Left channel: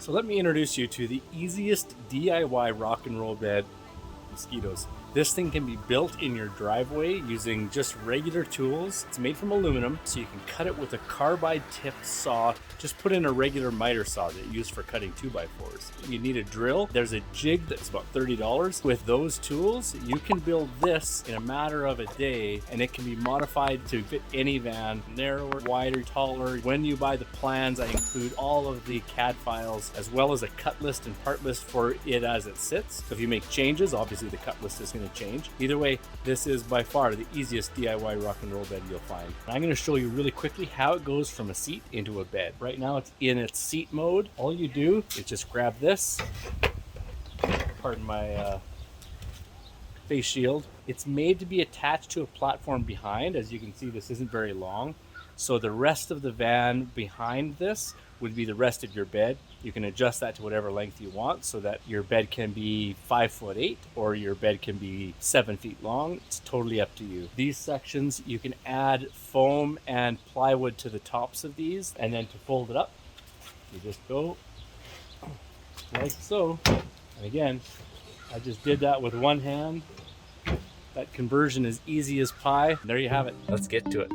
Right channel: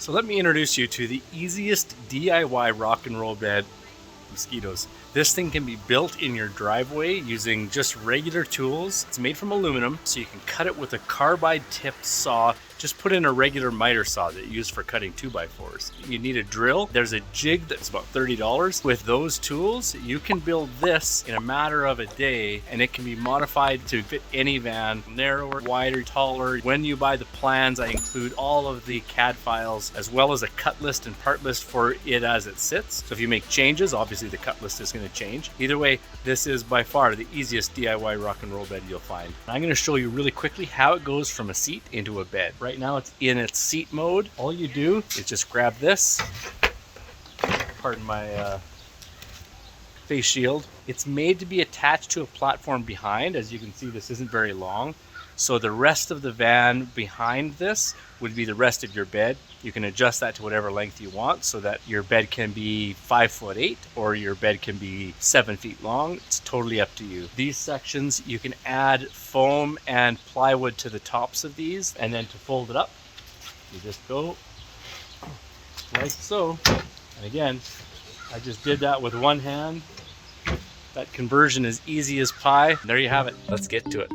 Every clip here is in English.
So let me introduce you to the easiest DIY rock and roll bed, mosquitoes. This thing can be built in your driveway using just regular tools. It's made from aluminum, so you can cut it with a carbide tipped saw. Just put in a regular miter saw that you use for cutting 2x4s. You need a drill. There's a jig that's about $30. With those tools, you can build this in a matter of a day, and it can be modified to fit any van, narrower, wider, taller. When you buy the plans, I include all of the CAD files, as well as a cut list and part list for it as it sits. So if you make changes, obviously the cut list is going to change. Either way, this is by far the easiest DIY rock and roll bed you'll find. I'm going to show you really quickly how it goes from a seat into a bed. Right now it's in its seat mode. All you do is just grab this, pardon my face shield. It's made to be attached to a platform behind. As you can see, this isn't very long. So the rest of the van behind this would be the rest of your bed. You can adjust that to whatever length you want so that your bed can be 5'8" or your bed can be 7 feet long. It's totally up to you. These sections, you can add foam and plywood to the tops of these, and then to fold it up, you just go like so. And again, I just did that with one hand. That conversion is easy as pie. There you have it. Let's get to it.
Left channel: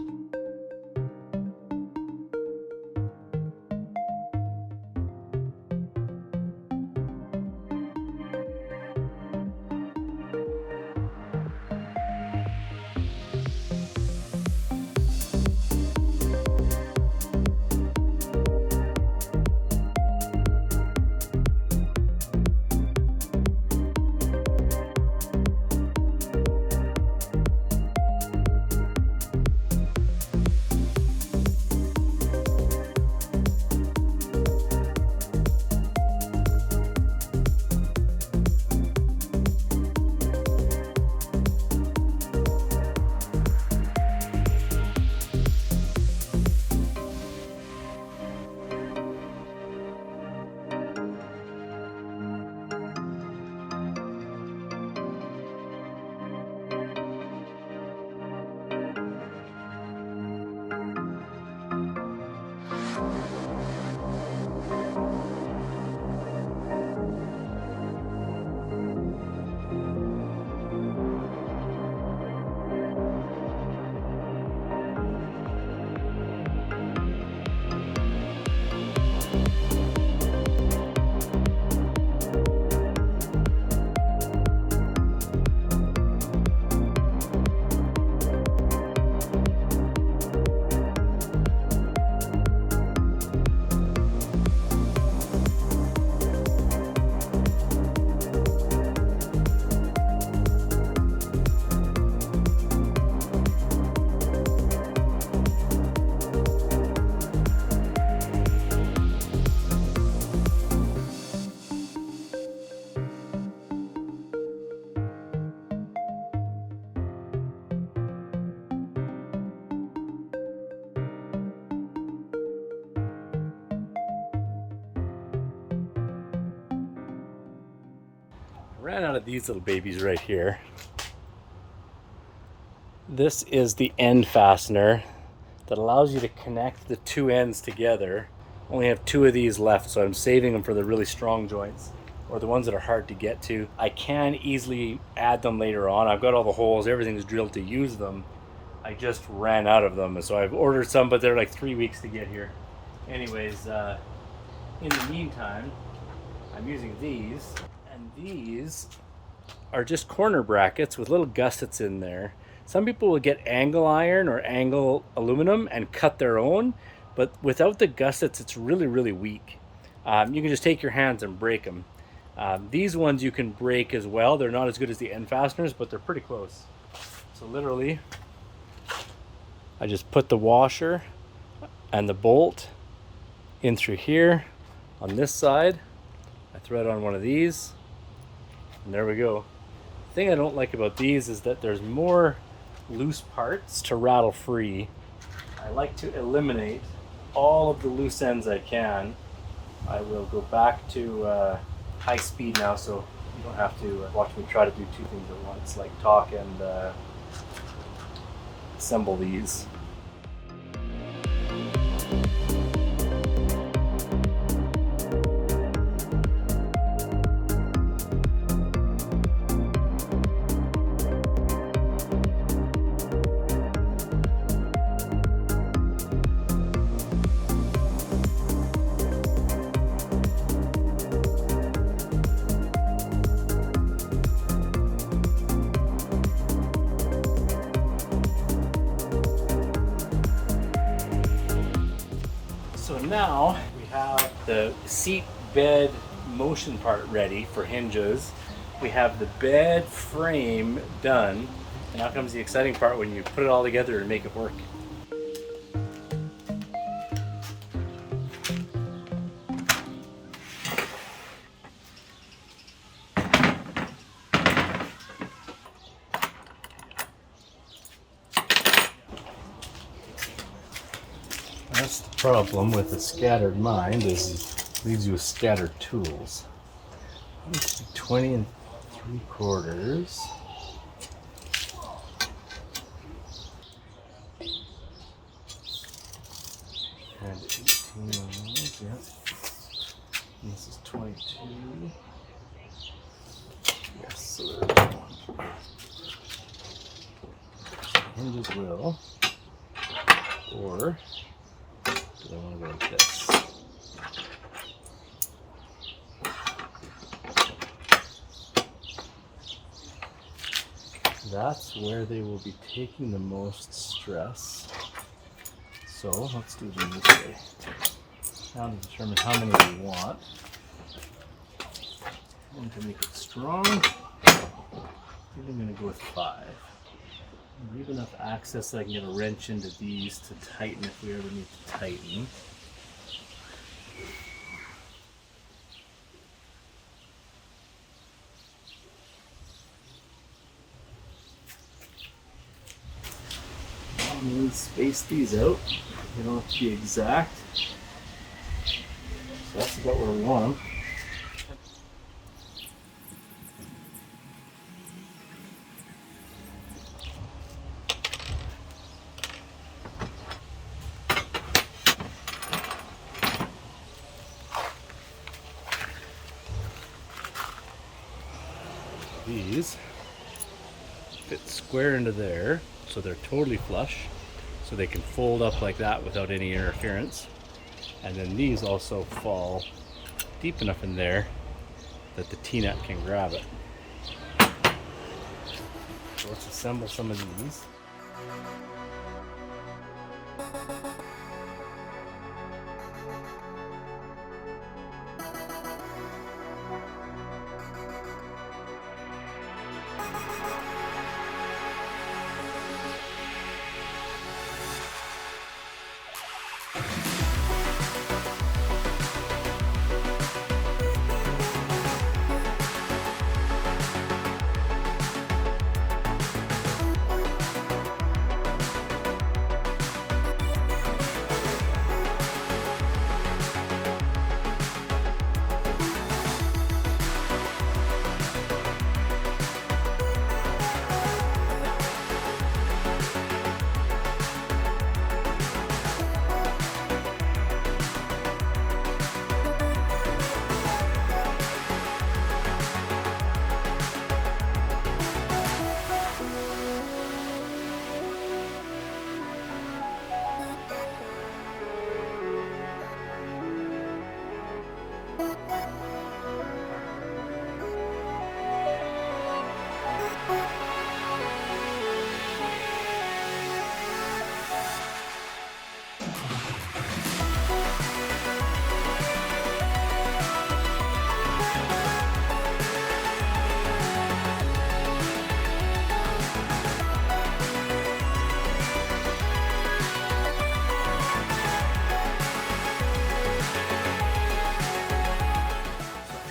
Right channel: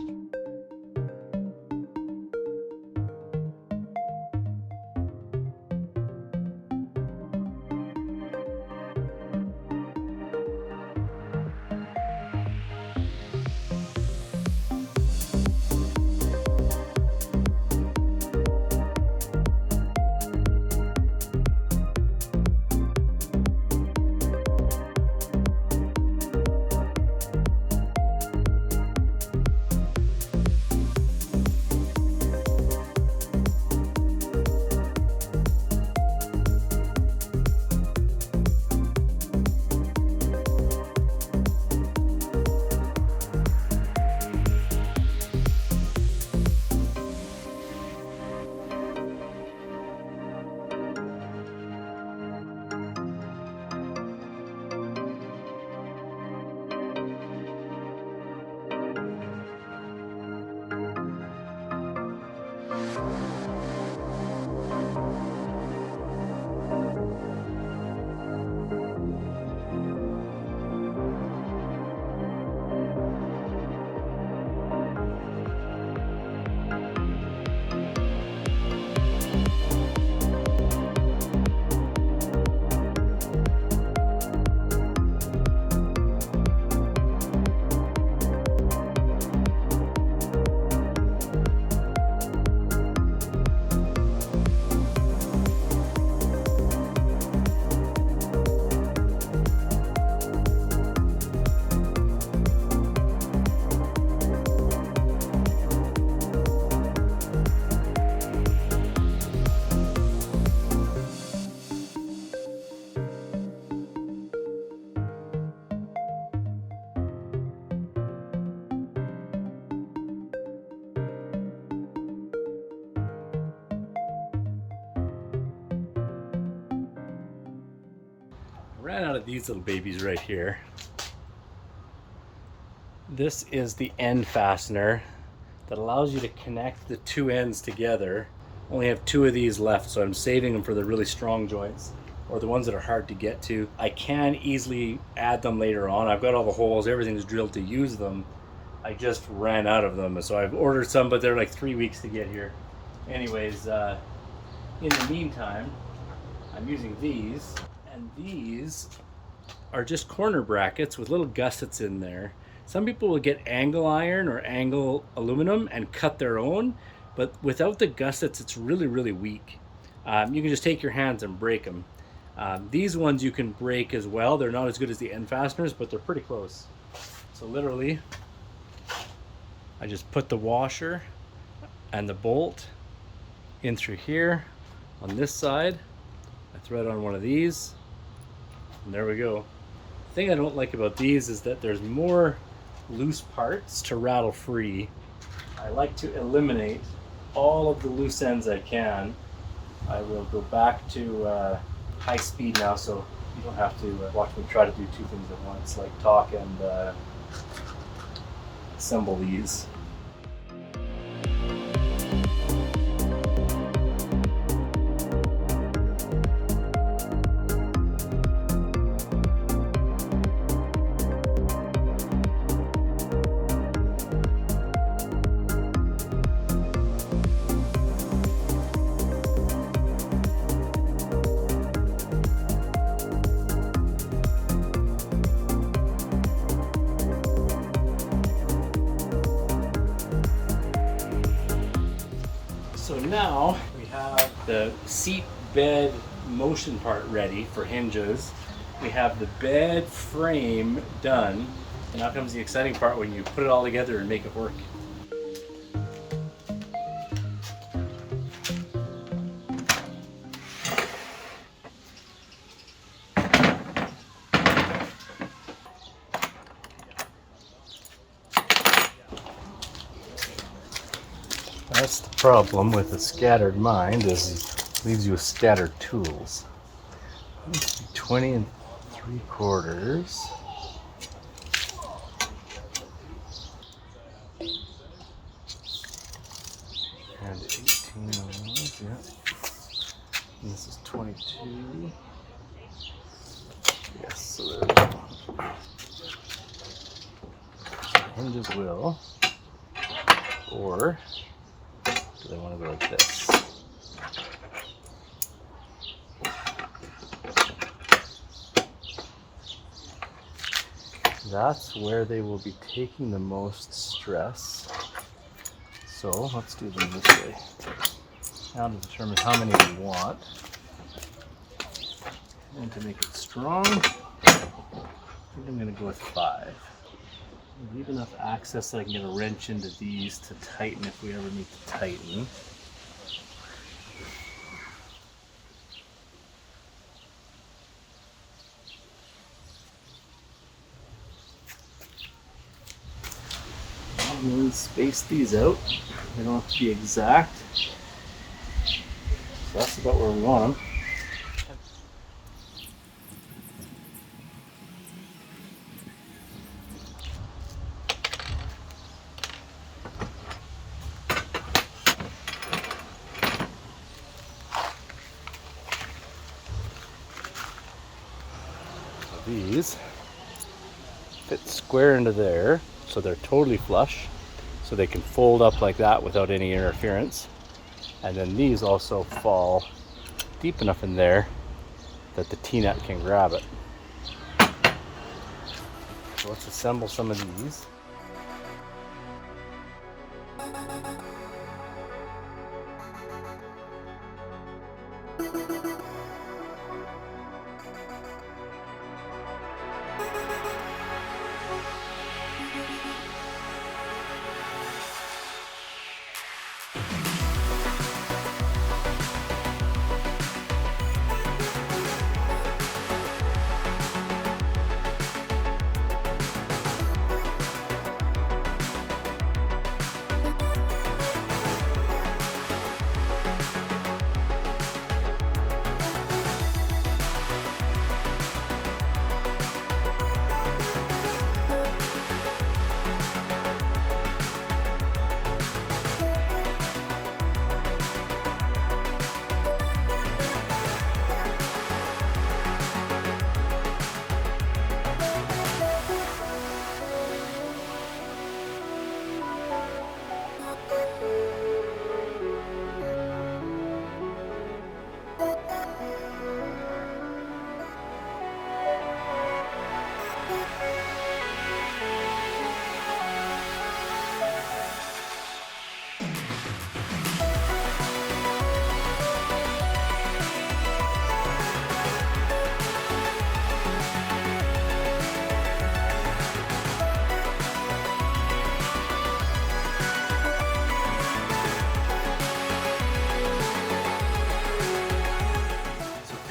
Ran out of these little babies right here. This is the end fastener that allows you to connect the two ends together. Only have two of these left, so I'm saving them for the really strong joints or the ones that are hard to get to. I can easily add them later on. I've got all the holes, everything's drilled to use them. I just ran out of them, so I've ordered some, but they're like 3 weeks to get here. Anyways, in the meantime, I'm using these. And these are just corner brackets with little gussets in there. Some people will get angle iron or angle aluminum and cut their own, but without the gussets, it's really, really weak. You can just take your hands and break them. These ones you can break as well. They're not as good as the end fasteners, but they're pretty close. So literally, I just put the washer and the bolt in through here on this side. I thread on one of these. And there we go. The thing I don't like about these is that there's more loose parts to rattle free. I like to eliminate all of the loose ends I can. I will go back to high speed now, so you don't have to watch me try to do two things at once, like talk and assemble these. now we have the seat bed motion part ready for hinges. We have the bed frame done. And now comes the exciting part when you put it all together and make it work. That's the problem with a scattered mind, is it leaves you with scattered tools. Let's be 20 3/4. And 18 on those, yeah. And this is 22. Yes, so there we go. Hinges will. Or do they want to go like this? That's where they will be taking the most stress. So let's do them this way. Now to determine how many we want. And to make it strong, I'm going to go with 5. Leave enough access that I can get a wrench into these to tighten if we ever need to tighten. And then space these out. They don't have to be exact. So that's about where we want them. These fit square into there, so they're totally flush, so they can fold up like that without any interference. And then these also fall deep enough in there that the T-nut can grab it. So let's assemble some of these.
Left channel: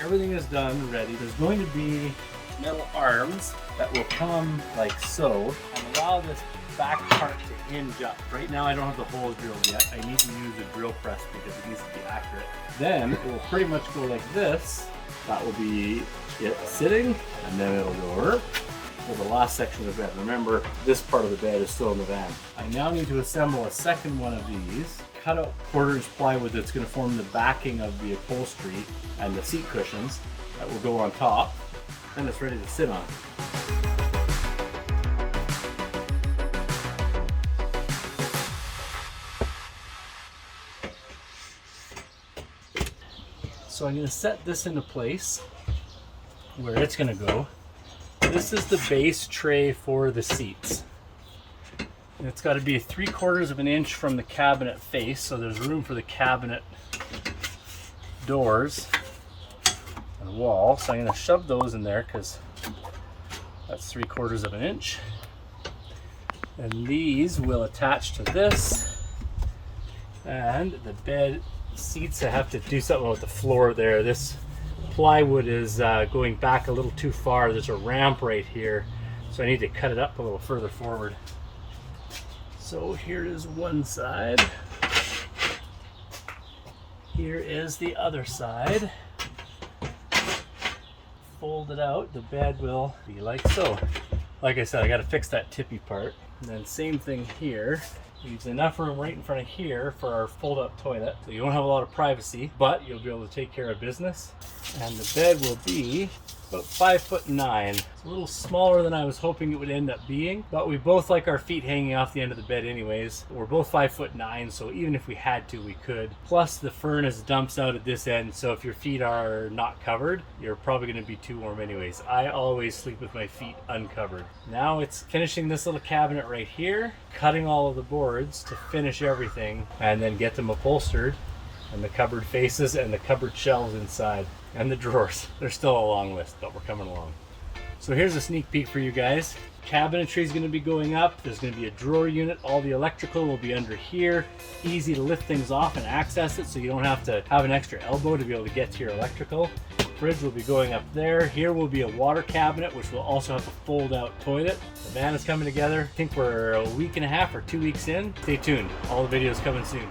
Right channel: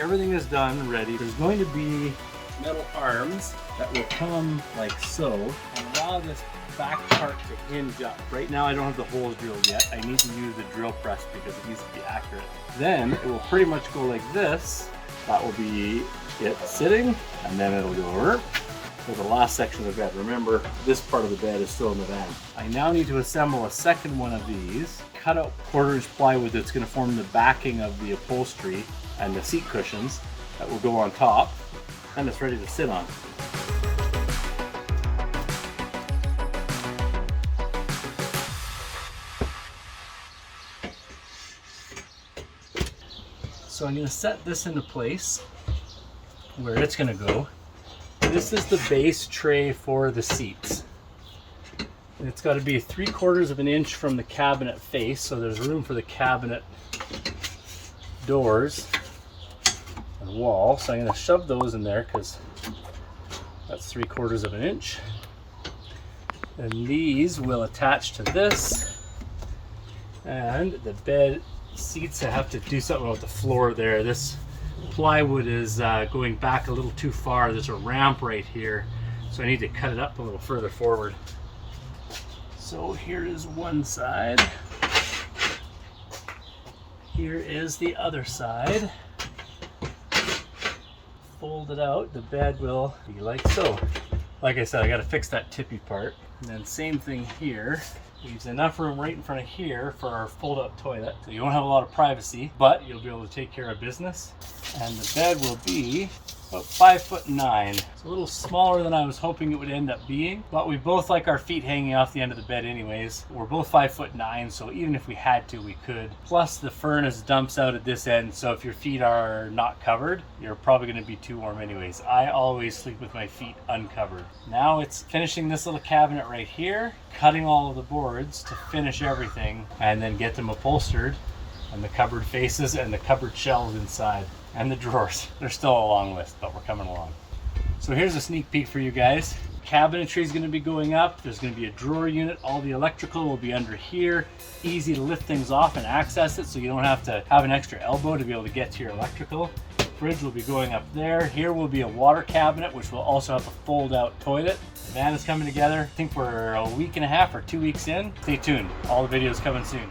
Everything is done, ready. There's going to be metal arms that will come like so and allow this back part to hinge up. Right now I don't have the holes drilled yet. I need to use a drill press because it needs to be accurate. Then it will pretty much go like this. That will be it sitting, and then it'll go over to the last section of the bed. Remember, this part of the bed is still in the van. I now need to assemble a second one of these. Cut out 1/4 inch plywood that's going to form the backing of the upholstery and the seat cushions that will go on top, and it's ready to sit on. So I'm going to set this into place where it's going to go. This is the base tray for the seats. And it's got to be 3/4 of an inch from the cabinet face, so there's room for the cabinet doors and wall. So I'm going to shove those in there because that's 3/4 of an inch. And these will attach to this. And the bed seats, I have to do something with the floor there. This plywood is going back a little too far. There's a ramp right here, so I need to cut it up a little further forward. So here is one side. Here is the other side. Fold it out, the bed will be like so. Like I said, I got to fix that tippy part. And then same thing here. Leaves enough room right in front of here for our fold-up toilet. So you don't have a lot of privacy, but you'll be able to take care of business. And the bed will be about 5'9". It's a little smaller than I was hoping it would end up being, but we both like our feet hanging off the end of the bed anyways. We're both 5'9", so even if we had to, we could. Plus the furnace dumps out at this end, so if your feet are not covered, you're probably going to be too warm anyways. I always sleep with my feet uncovered. Now it's finishing this little cabinet right here, cutting all of the boards to finish everything, and then get them upholstered, and the cupboard faces and the cupboard shelves inside. And the drawers. There's still a long list, but we're coming along. So here's a sneak peek for you guys. Cabinetry is going to be going up. There's going to be a drawer unit. All the electrical will be under here. Easy to lift things off and access it, so you don't have to have an extra elbow to be able to get to your electrical. Fridge will be going up there. Here will be a water cabinet, which will also have a fold-out toilet. The van is coming together. I think we're a week and a half or 2 weeks in. Stay tuned. All the videos coming soon.